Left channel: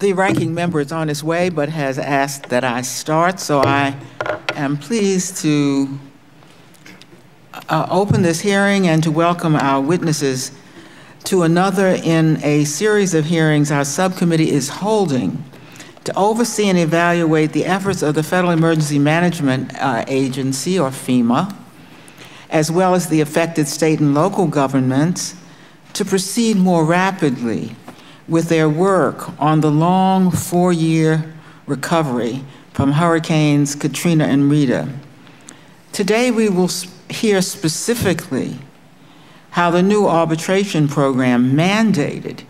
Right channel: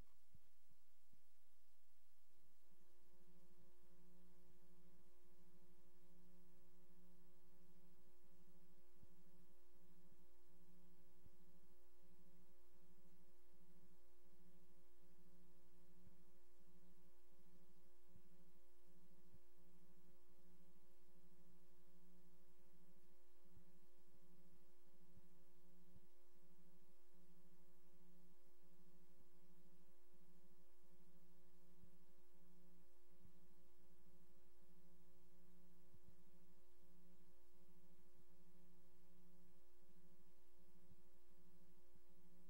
The ranking member is on his way, but has asked that I start, so I am pleased to open this hearing and to welcome our witnesses to another in a series of hearings our subcommittee is holding to oversee and evaluate the efforts of the Federal Emergency Management Agency, or FEMA, as well as the affected state and local governments, to proceed more rapidly with their work on the long 4-year recovery from Hurricanes Katrina and Rita. Today we will hear specifically how the new arbitration program mandated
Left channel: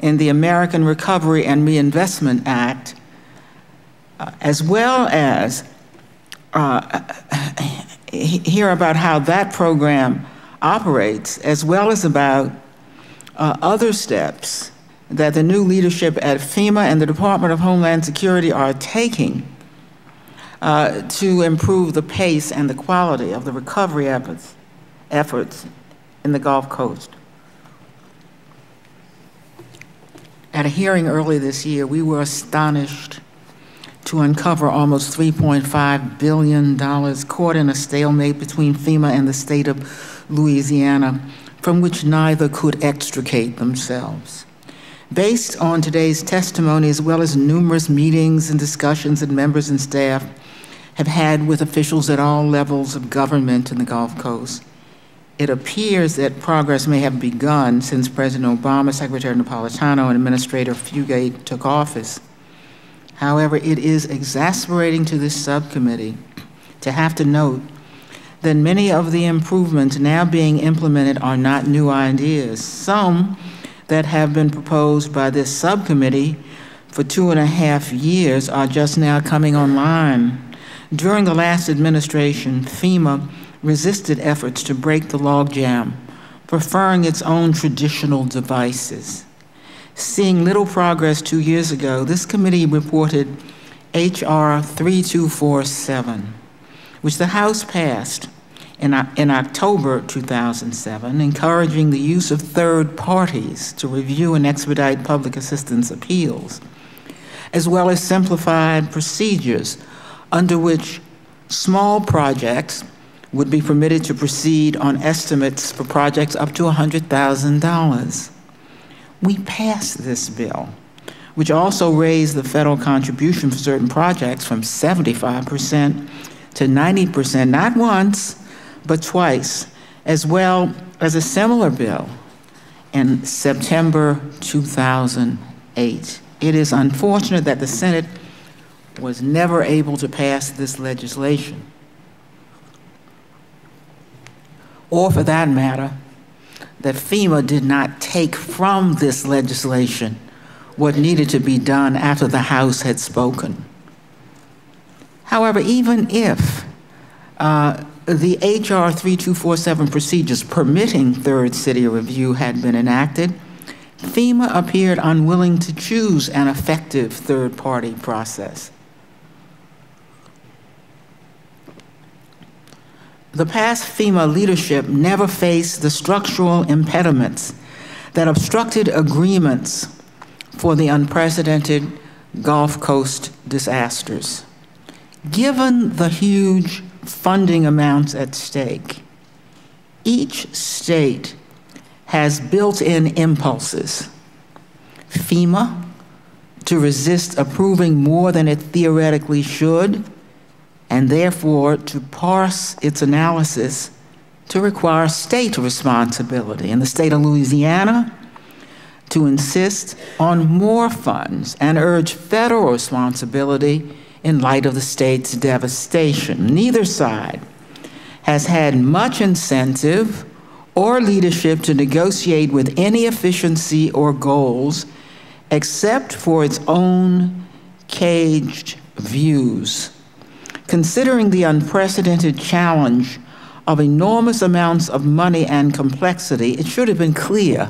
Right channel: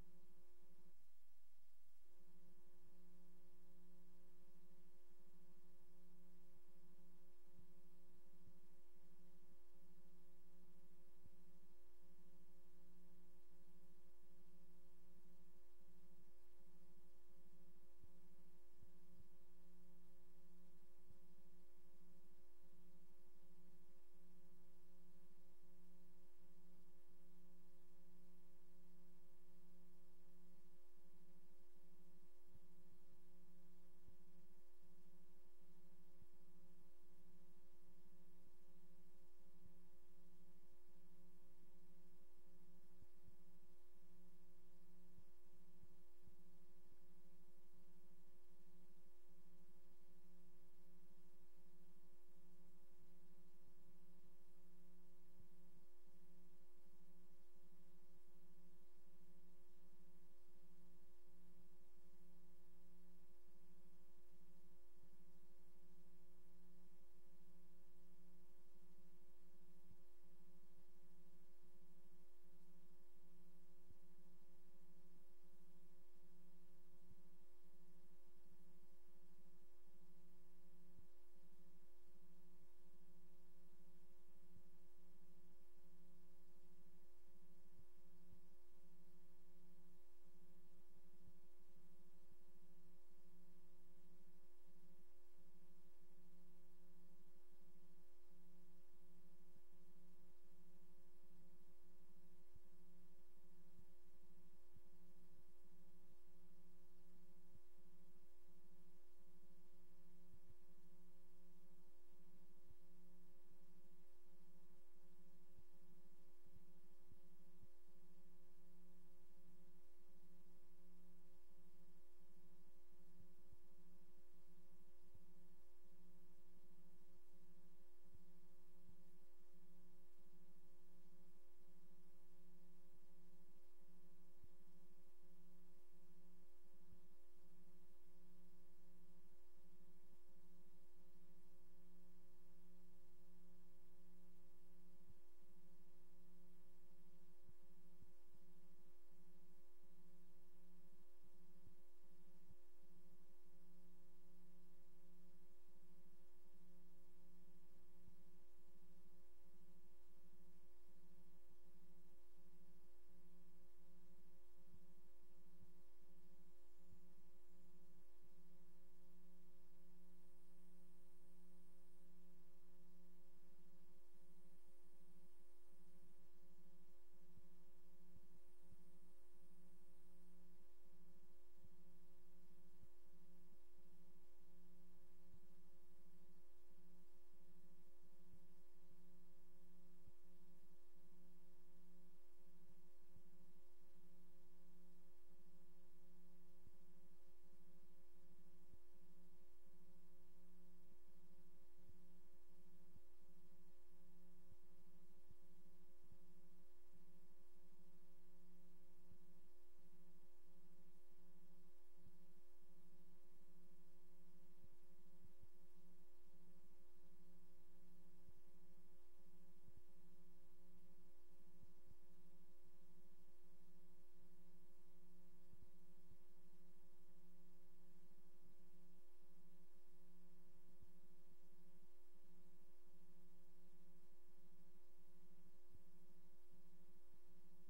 in the American Recovery and Reinvestment Act, as well as hear about how that program operates, as well as about other steps that the new leadership at FEMA and the Department of Homeland Security are taking to improve the pace and the quality of the recovery efforts in the Gulf Coast. At a hearing early this year, we were astonished to uncover almost $3.5 billion caught in a stalemate between FEMA and the state of Louisiana, from which neither could extricate themselves. Based on today's testimony, as well as numerous meetings and discussions that members and staff have had with officials at all levels of government in the Gulf Coast, it appears that progress may have begun since President Obama, Secretary Napolitano, and Administrator Fugate took office. However, it is exasperating to this subcommittee to have to note that many of the improvements now being implemented are not new ideas. Some that have been proposed by this subcommittee for 2.5 years are just now coming online. During the last administration, FEMA resisted efforts to break the logjam, preferring its own traditional devices. Seeing little progress 2 years ago, this committee reported H.R. 3247, which the House passed in October 2007, encouraging the use of third parties to review and expedite public assistance appeals, as well as simplified procedures under which small projects would be permitted to proceed on estimates for projects up to $100,000. We passed this bill, which also raised the federal contribution for certain projects from 75% to 90%, not once, but twice, as well as a similar bill in September 2008. It is unfortunate that the Senate was never able to pass this legislation, or for that matter, that FEMA did not take from this legislation what needed to be done after the House had spoken. However, even if the H.R. 3247 procedures permitting third city review had been enacted, FEMA appeared unwilling to choose an effective third-party process. The past FEMA leadership never faced the structural impediments that obstructed agreements for the unprecedented Gulf Coast disasters. Given the huge funding amounts at stake, each state has built-in impulses. FEMA to resist approving more than it theoretically should, and therefore to parse its analysis to require state responsibility. In the state of Louisiana, to insist on more funds and urge federal responsibility in light of the state's devastation. Neither side has had much incentive or leadership to negotiate with any efficiency or goals except for its own caged views. Considering the unprecedented challenge of enormous amounts of money and complexity, it should have been clear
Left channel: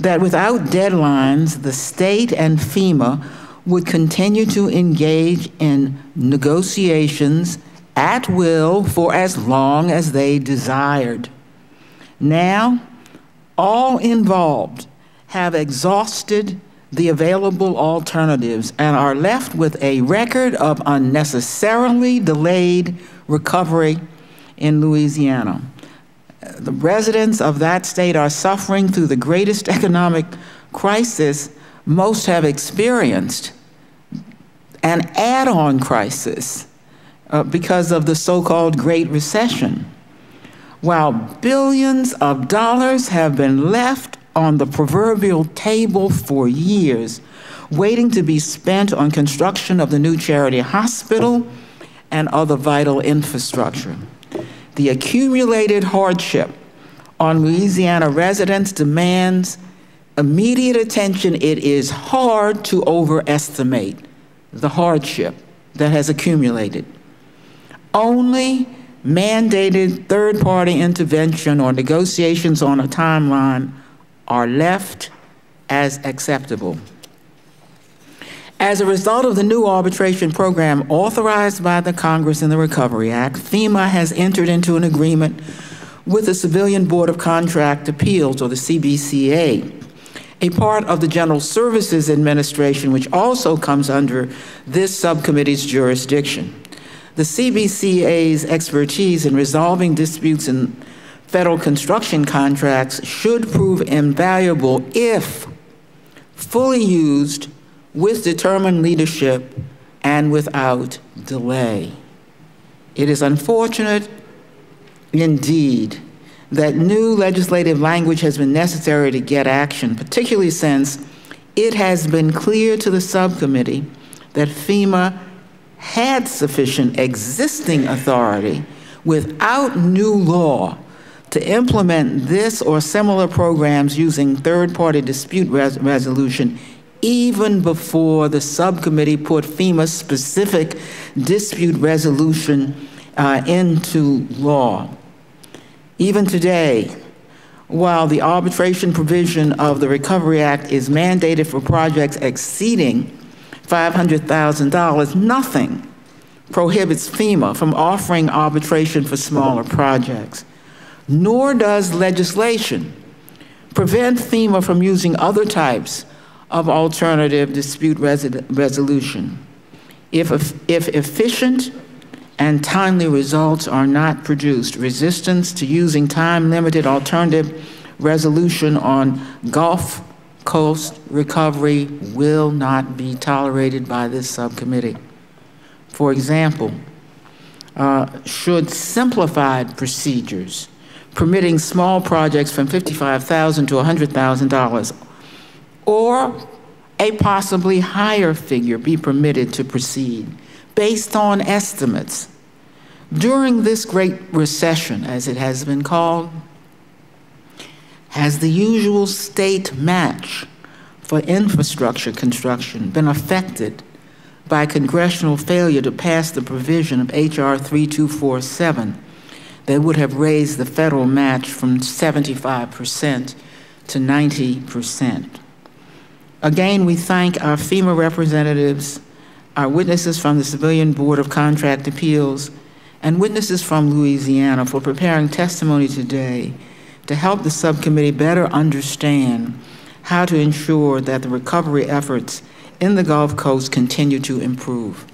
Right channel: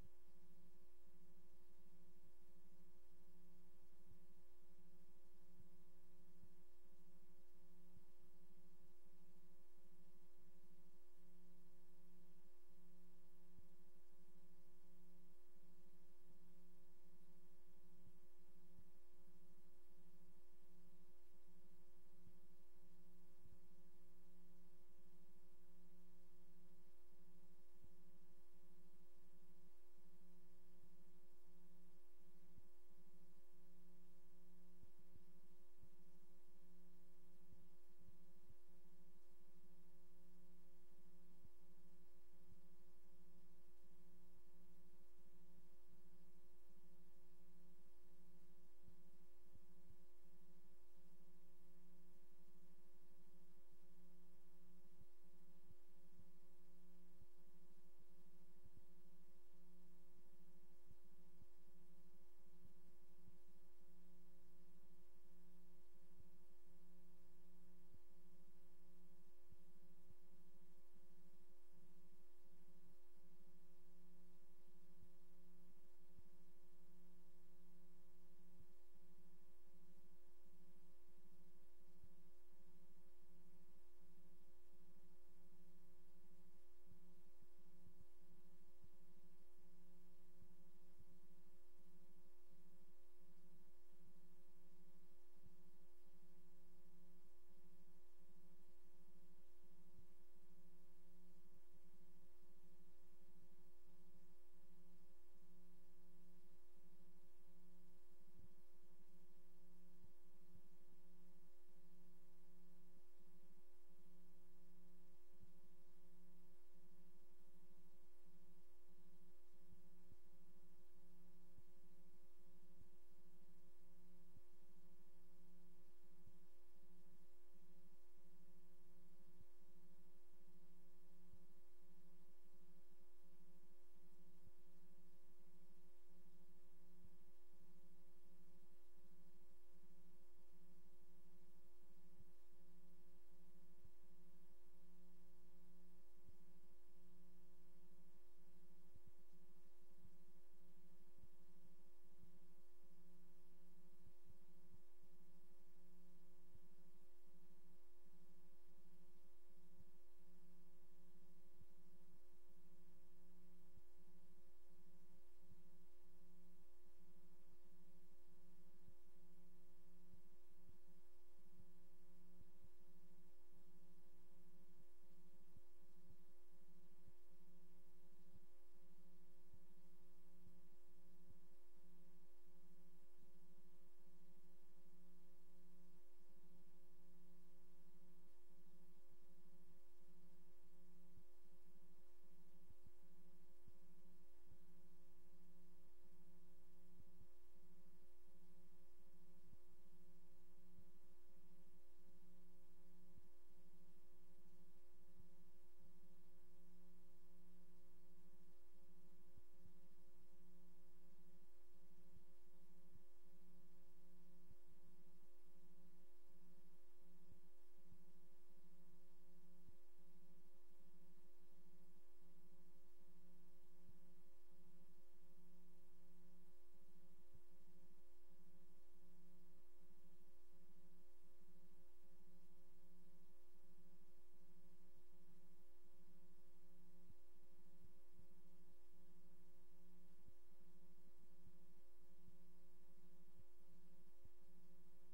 that without deadlines, the state and FEMA would continue to engage in negotiations at will for as long as they desired. Now, all involved have exhausted the available alternatives and are left with a record of unnecessarily delayed recovery in Louisiana. The residents of that state are suffering through the greatest economic crisis most have experienced, an add-on crisis because of the so-called Great Recession, while billions of dollars have been left on the proverbial table for years, waiting to be spent on construction of the new charity hospital and other vital infrastructure. The accumulated hardship on Louisiana residents demands immediate attention. It is hard to overestimate the hardship that has accumulated. Only mandated third-party intervention or negotiations on a timeline are left as acceptable. As a result of the new arbitration program authorized by the Congress in the Recovery Act, FEMA has entered into an agreement with the Civilian Board of Contract Appeals, or the CBCA, a part of the General Services Administration, which also comes under this subcommittee's jurisdiction. The CBCA's expertise in resolving disputes in federal construction contracts should prove invaluable if fully used with determined leadership and without delay. It is unfortunate indeed that new legislative language has been necessary to get action, particularly since it has been clear to the subcommittee that FEMA had sufficient existing authority without new law to implement this or similar programs using third-party dispute resolution even before the subcommittee put FEMA's specific dispute resolution into law. Even today, while the arbitration provision of the Recovery Act is mandated for projects exceeding $500,000, nothing prohibits FEMA from offering arbitration for smaller projects, nor does legislation prevent FEMA from using other types of alternative dispute resolution. If efficient and timely results are not produced, resistance to using time-limited alternative resolution on Gulf Coast recovery will not be tolerated by this subcommittee. For example, should simplified procedures permitting small projects from $55,000 to $100,000 or a possibly higher figure be permitted to proceed based on estimates. During this Great Recession, as it has been called, has the usual state match for infrastructure construction been affected by congressional failure to pass the provision of H.R. 3247 that would have raised the federal match from 75% to 90%. Again, we thank our FEMA representatives, our witnesses from the Civilian Board of Contract Appeals, and witnesses from Louisiana for preparing testimony today to help the subcommittee better understand how to ensure that the recovery efforts in the Gulf Coast continue to improve.